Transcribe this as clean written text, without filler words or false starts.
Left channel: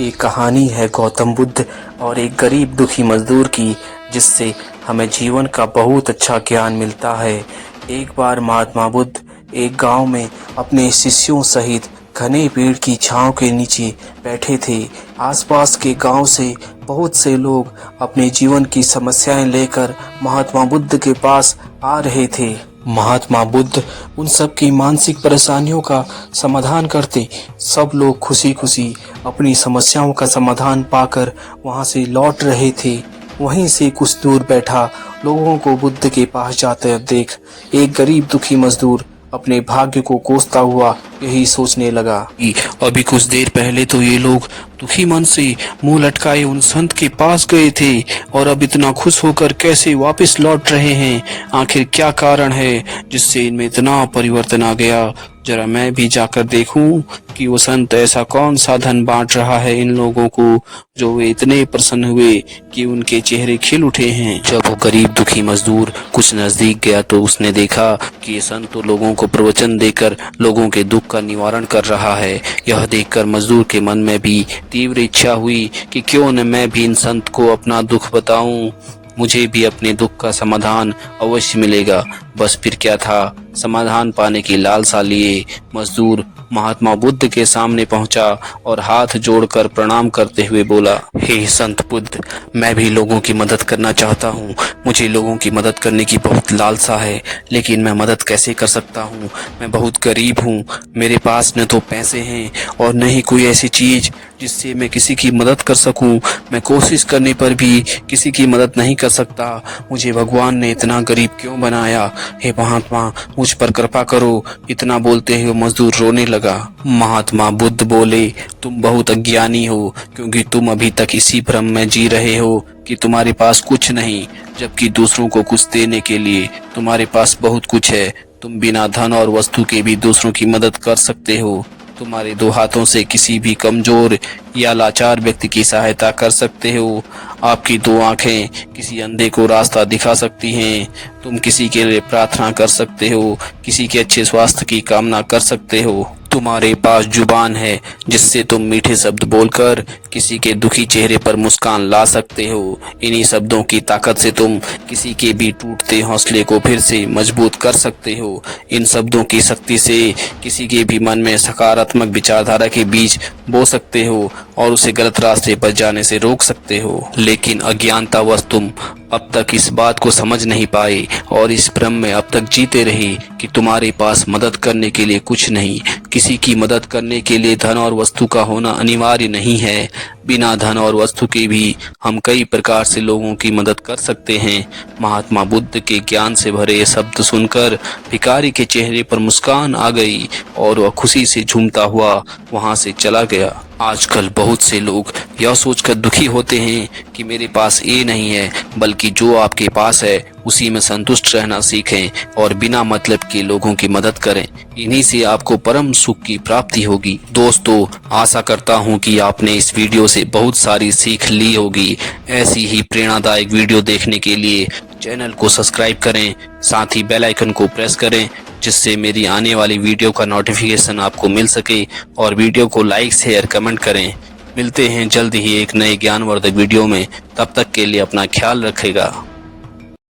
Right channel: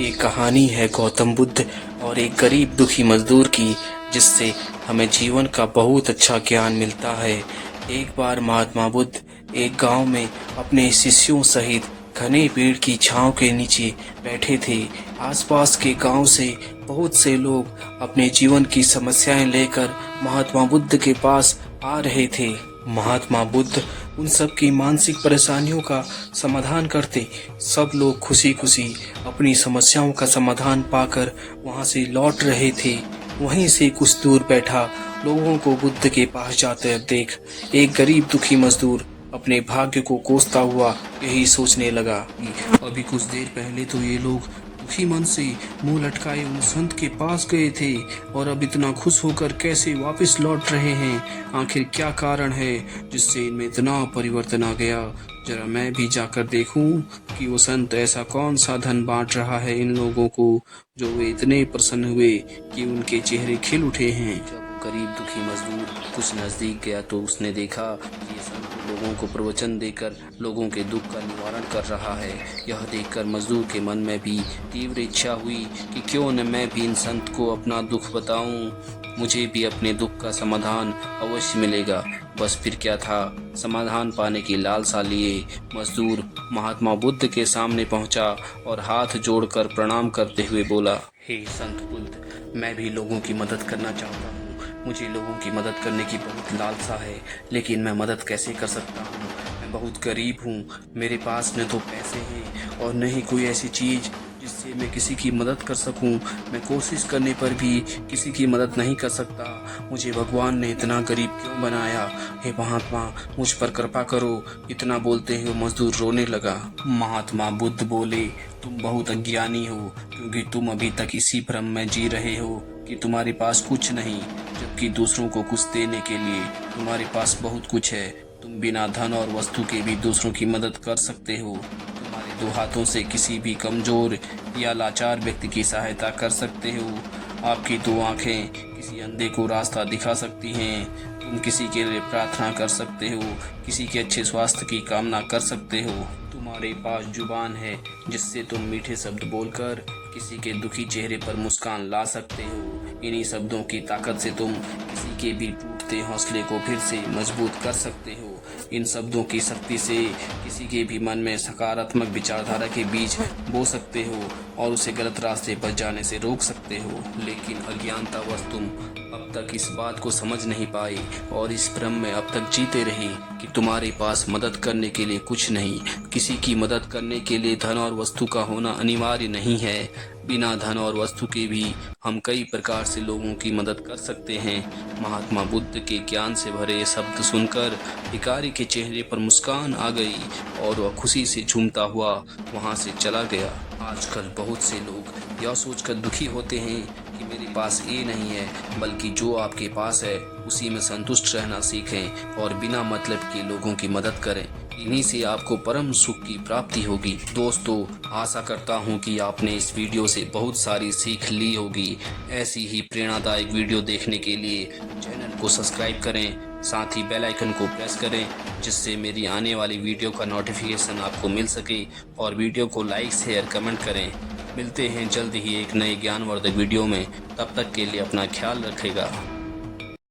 ये कहानी है गौतम बुद्ध और एक गरीब दुखी मजदूर की, जिससे हमें जीवन का बहुत अच्छा ज्ञान मिलता है। एक बार महात्मा बुद्ध एक गांव में अपने शिष्यों सहित घने पेड़ की छांव के नीचे बैठे थे। आसपास के गांव से बहुत से लोग अपने जीवन की समस्याएं लेकर महात्मा बुद्ध के पास आ रहे थे। महात्मा बुद्ध उन सब की मानसिक परेशानियों का समाधान करते। सब लोग खुशी खुशी अपनी समस्याओं का समाधान पाकर वहां से लौट रहे थे। वहीं से कुछ दूर बैठा लोगों को बुद्ध के पास जाते देख एक गरीब दुखी मजदूर अपने भाग्य को कोसता हुआ यही सोचने लगा कि अभी कुछ देर पहले तो ये लोग दुखी मन से मुंह लटकाए उन संत के पास गए थे और अब इतना खुश होकर कैसे वापस लौट रहे हैं। आखिर क्या कारण है जिससे इनमें इतना परिवर्तन आ गया। जरा मैं भी जाकर देखूं कि वो संत ऐसा कौन सा धन बांट रहा है इन लोगों को, जो वे इतने प्रसन्न हुए कि उनके चेहरे खिल उठे हैं। जब वो गरीब दुखी मजदूर कुछ नजदीक गया तो उसने देखा कि ये संत तो लोगों को प्रवचन देकर लोगों के दुख का निवारण कर रहा है। यह देखकर मजदूर के मन में भी तीव्र इच्छा हुई कि क्यों न मैं भी इन संत को अपना दुख बताऊं, मुझे भी अपने दुख का समाधान अवश्य मिलेगा। बस फिर क्या था, समाधान पाने की लालसा लिए मजदूर महात्मा बुद्ध के सामने पहुंचा और हाथ जोड़कर प्रणाम करते हुए बोला, हे संत बुद्ध, मैं भी लोगों की मदद करना चाहता हूँ। मुझे लोगों की मदद करने की बहुत लालसा है, लेकिन मैं मदद कैसे कर सकता हूँ। मैं बहुत गरीब हूँ, मेरे पास न तो पैसे हैं और न ही कोई ऐसी चीज जिससे मैं किसी की मदद कर सकूं। मैं कोशिश करने पर भी किसी की मदद नहीं कर सकता। मुझे भगवान ने इतना गरीब क्यों बनाया। हे महात्मा, मुझ पर कृपा करो। इतना बोलते हुए मजदूर रोने लगा। महात्मा बुद्ध बोले, तुम बहुत अज्ञानी हो, क्योंकि तुम अभी तक इसी भ्रम में जी रहे हो कि तुम्हारे पास कुछ नहीं, जबकि दूसरों को कुछ देने के लिए तुम्हारे पास बहुत कुछ है। तुम बिना धन और वस्तु के भी दूसरों की मदद कर सकते हो। तुम्हारे दो हाथों से किसी भी कमजोर या लाचार व्यक्ति की सहायता कर सकते हो। आपकी दो आंखें किसी अंधे को रास्ता दिखा सकती हैं। तुम किसी के लिए प्रार्थना कर सकते हो, किसी के अच्छे स्वास्थ्य की कामना कर सकते हो। तुम्हारे पास जुबान है जिससे तुम मीठे शब्द बोलकर किसी के दुखी चेहरे पर मुस्कान ला सकते हो। इन्हीं शब्दों की ताकत से तुम किसी के भी टूटते हौसले को फिर से मजबूत कर सकते हो। इन शब्दों की शक्ति से किसी के भी मन में सकारात्मक विचारधारा के बीज बो सकते हो और उसे गलत रास्ते पर जाने से रोक सकते हो। लेकिन अज्ञानतावश तुम अब तक इस बात को समझ नहीं पाए और इस भ्रम में अब तक जीते रहे कि तुम्हारे पास मदद करने के लिए कुछ नहीं। किसी की मदद करने के लिए धन और वस्तु का होना अनिवार्य नहीं है। बिना धन और वस्तु के भी हम कई प्रकार से लोगों की मदद कर सकते हैं। महात्मा बुद्ध के ज्ञान से भरे ये शब्द सुनकर भिखारी के चेहरे पर मुस्कान आ गई और वह खुशी से झूमता हुआ वहां से चला गया। आजकल बहुत से लोग यह सोचकर दुखी होते हैं कि मेरे पास ये नहीं है, बल्कि जो आपके पास है उसी में संतुष्ट रहना सीखें और बिना मतलब के लोगों की मदद करें। इन्हीं से आपको परम सुख की प्राप्ति होगी। दोस्तों, आशा करता हूं कि आपने इस वीडियो से बहुत सारी सीख ली होगी। ऐसी ही प्रेरणादायक वीडियो देखने के लिए चैनल को सब्सक्राइब करें, साथ ही बेल आइकन को प्रेस करें, जिससे मेरी आने वाली वीडियो का नोटिफिकेशन आपको मिल सके। और वीडियो को लाइक शेयर कमेंट करें। मिलते हैं जल्द ही एक नए ज्ञानवर्धक वीडियो में। तब तक के लिए अपना ख्याल रखेगा।